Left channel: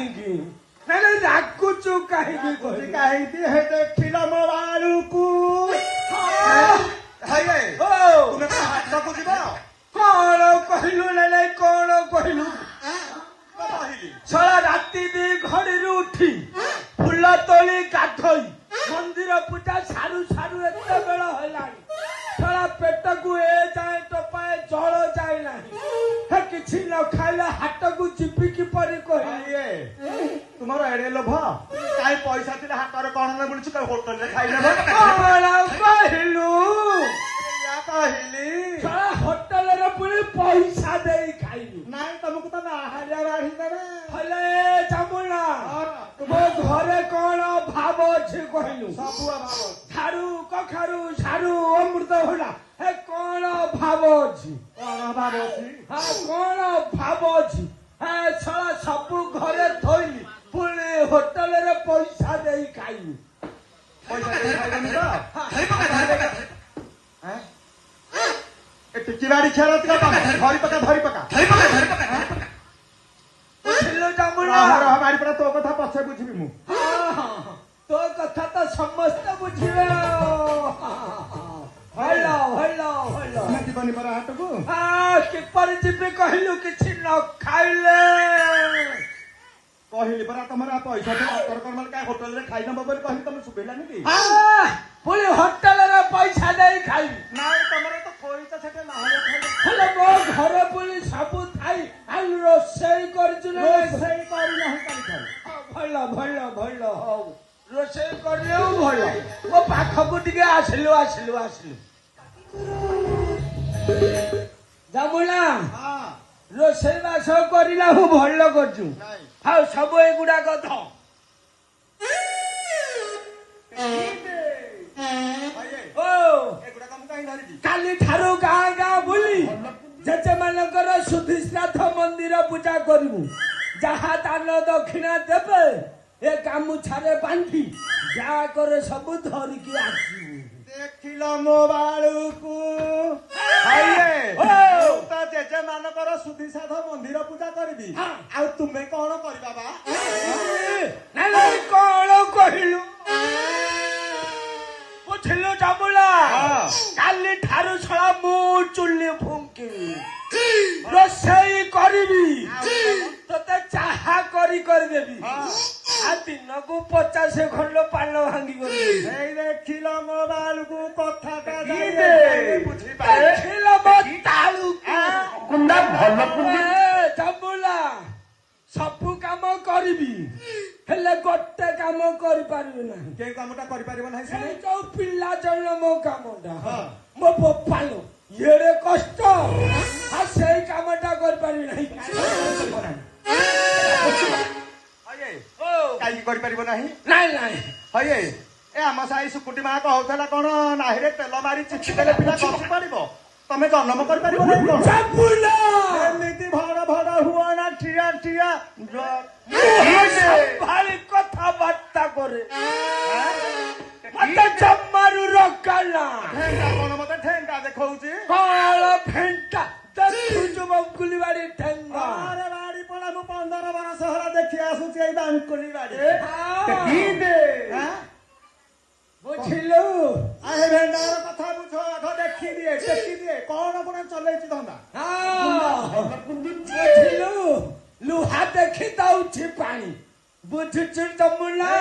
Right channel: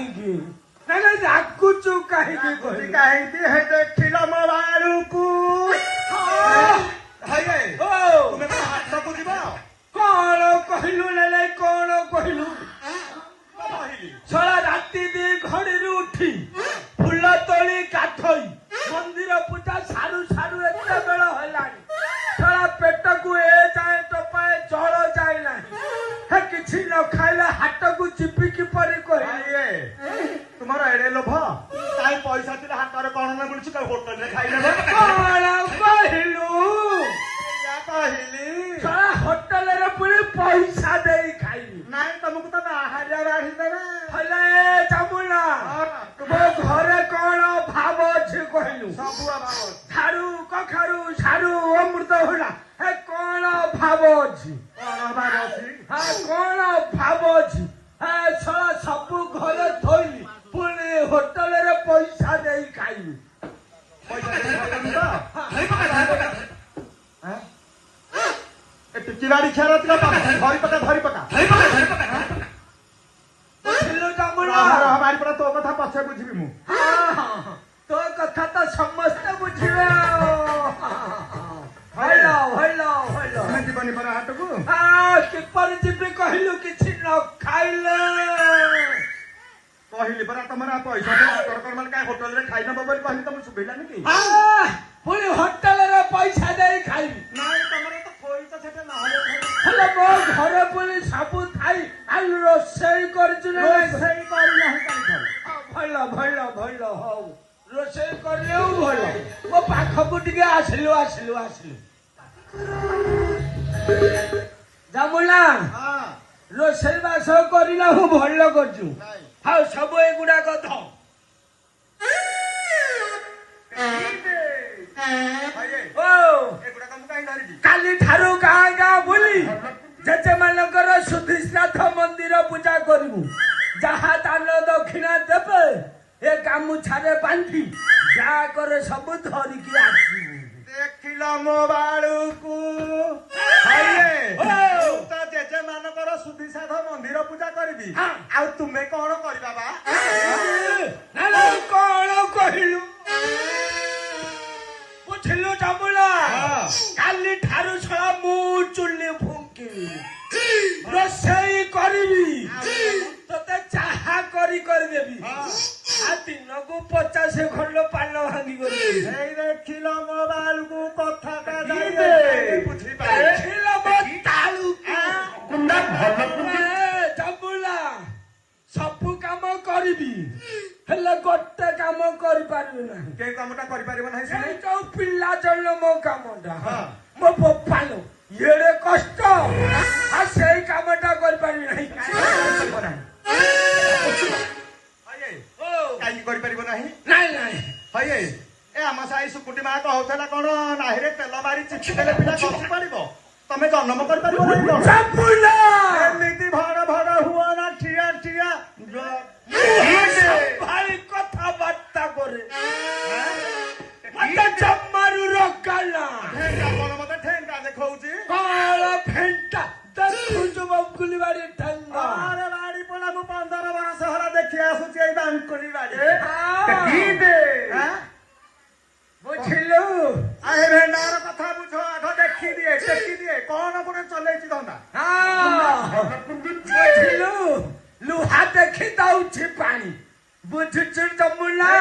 କାହିଁକି ନାଇଁ ଡାକୁଛୁ କାହିଁକି କାହିଁକି ହେ ଦେଖିଲ ମୋ ବାଳୁକୁ ତୁମେ ହାଟକୁ ଯିବ କଣ କହିଲୁ ନାଇଁ କଣ କହିଲୁ ଛଡ଼ା ରାତି 2 ଘଡ଼ିରୁ ଉଠି ଫୁଲ ତୋଳି ଗାଧୋଇ ମନ୍ଦିର ପୂଜା ସାରୁ ସାରୁ ଏତେ ବେଳ ହେଲାଣି ଛଡ଼ା ପେଟକୁ ଏ ଯାଏ ଟୋପାଏ ଜଳ ଯାଏ ନାହିଁ ହେ କିଛି ନ ଖାଇଲେ ହାଟକୁ ଯିବି କିପରି କହିଲେ ତୁମର ଏଡେ ଲୋଭ କାହିଁ ପଇସା ଥିଲେ ହାଟରେ କଣ ନ ମିଳୁଛି ହୋଟେଲରେ ଖାଇଲେ କହିଲି ହୋଟେଲରେ ପୁଣି ପଇସା ଦେଇ ଖାଇବି ନାଇଁ ତମକୁ ତ ବାହାରିଆ ବାଢି ଦେବେ ହେଲେ ଚାମୁଣା ମୋ ଘରେ କଣ ଭାବ ଅଛି କହିଲୁ ସବୁ ଅଭାବ ସାରୁ କଖାରୁ ସାରୁ ଅମୃତଭଣ୍ଡା ହେ କଣ ଭାବ ଅଛି କଣ ଅଭାବ ଅଛି କଣ ଭାବ ଅଛି ସବୁ ଘରେ ଥୋଇଲି ପୁଣି ହୋଟେଲରେ ପଇସା ଦେଇ ଖାଇବି ଟିକି ବାଡି ଖିଆର ଧରି ପକା ବାଡି ତୋ କଥା ପଛେ ବୁଝିବି ମୁଁ ତୋ କଥା ତ ସମସ୍ତେ ବୁଝିବେ ଆମେ ଯିବନି ପରା ହାଟକୁ କିପରି ଯିବି କହିଲୁ କିଛି ନ ଖାଇଲେ କହିଲି ପରା ତମର ପଇସା କାହିଁ ହୋଟେଲରେ ଖାଇନବ ବୋଲି କହିଲି ତମେ ଶୁଭିଲାନି କି ପୁଣି ହୋଟେଲରେ ପଇସା ଦେଇ ଖାଇବି ନାଇଁ ତମର ତ ପଇସା ସେଟା ହେଲେ ମୋ ଘରେ ପୁଣି ସବୁ ଥାଇ ଆଉ ରୋଷେଇ କରିଛୁ ରୋଷେଇ କରିନାହିଁ ଭଲ ହଉ ରୋଷେଇ କରିଲେ ଭଲ ମୋ ପାଖକୁ ଟିକେ ଆସିଲୁ ଜାମୁଲା ରୋଷେଇ ବାସ କରିନା ମୁଁ ଭଲ କରୁଛୁ ଆଉ ସବୁ ଏଗୁଡାକ କାଲି ଠାରୁ ଗାଁ ବୁଲି ଜେଜେମାନଙ୍କର ସୁଧିଶ୍ରାଦ୍ଧ ମନ୍ଦିର ପୂଜା କରିବୁ ଯାହା ଦାନ ଦକ୍ଷିଣା ଦେବେ ଏ ଗାମୁଛାରେ ବାନ୍ଧି ଯାହା କରେ ସବୁ ଧରିକି ଆସିବୁ ଦେଖିଲ ମୋ ବାଳୁକୁ ଜେଜେମାନଙ୍କର ସୁଧିଶ୍ରାଦ୍ଧ ମନ୍ଦିର ପୂଜା କରିବି ଆଉ ତୁମେ କଣ କରିବା ବା କଣ କହିଲୁ ବୁଝିଲୁ ଚାମୁଳା କାଲି ଠାରୁ ଛଡ଼ା ମୁଁ ଚୁଲି ଫୁଙ୍କିବି ରୋଷେଇ କରିବି ତତେ ଚାହା କରିଦେବି ଆଉ ଦିନକୁ 50 ଖଣ୍ଡ ପାନ ଭାଙ୍ଗିବ ଦେଖିଲ ମୋ ବାଳୁକୁ କଥାଟା ଚାମୁଳା ସବୁ କାମ କରିବି ହେଲେ ଗୋଟେ କାମ କରିପାରିବି ନାହିଁ କେଉଁ କାମଟା କରିପାରିବ ନାହିଁ ଯୋଉ ପିଲା ଜନ୍ମ କାମଟା ମୋ ବୋପାଲ ଏଡେ କଷ୍ଟ ଆଉ ସେଇ କାମଟା କରିପାରିବି ନାହିଁ କାହିଁକି କରିପାରିବ ନାହିଁ ନାଇଁ ହଏ ଏ ଆମ ସାହି ସୁକୁଟି ମା କହୁଥିଲା କଣ ନାହିରେ ତେଲ ମାରି ଚିଠି ଦେଲେ ପିଲା ଜନ୍ମ କରିବ ତମେ ଜନ୍ମ କରିପାରିବ ଏମିତି ଭଡ ହୁଅ ନା ଠିଆ ଭାରି କଥାବାର୍ତ୍ତା କରେ ମତେ ଜମାରୁ ରଗାଲା ମତେ ଠେଙ୍ଗା ଦେଖଉଛି ଫେଣ୍ଟା ଦେଖୁଛୁ ବଙ୍କୁଲି ବାଡି ଠେଙ୍ଗା ବାଡି ପଡା ମୁଁ 15 ବର୍ଷ ହେଲା ଦେଖି ଆସୁଛି ଏଇ ବାଙ୍କୁଲି ବାଡି ବୁଝିଲୁ ଭେଣ୍ଡାର କଥା ବୁଝ ଆଗ ଟେକି ଦିଏ କଣ ପୁଣି ଚଲେଇଛି ଧନ୍ଦା ବୁଝିଲୁ ଲୁହା ଦେଖି ଦଉଛି ପାଣି ବୁଝୁଛୁ ତମୁଲା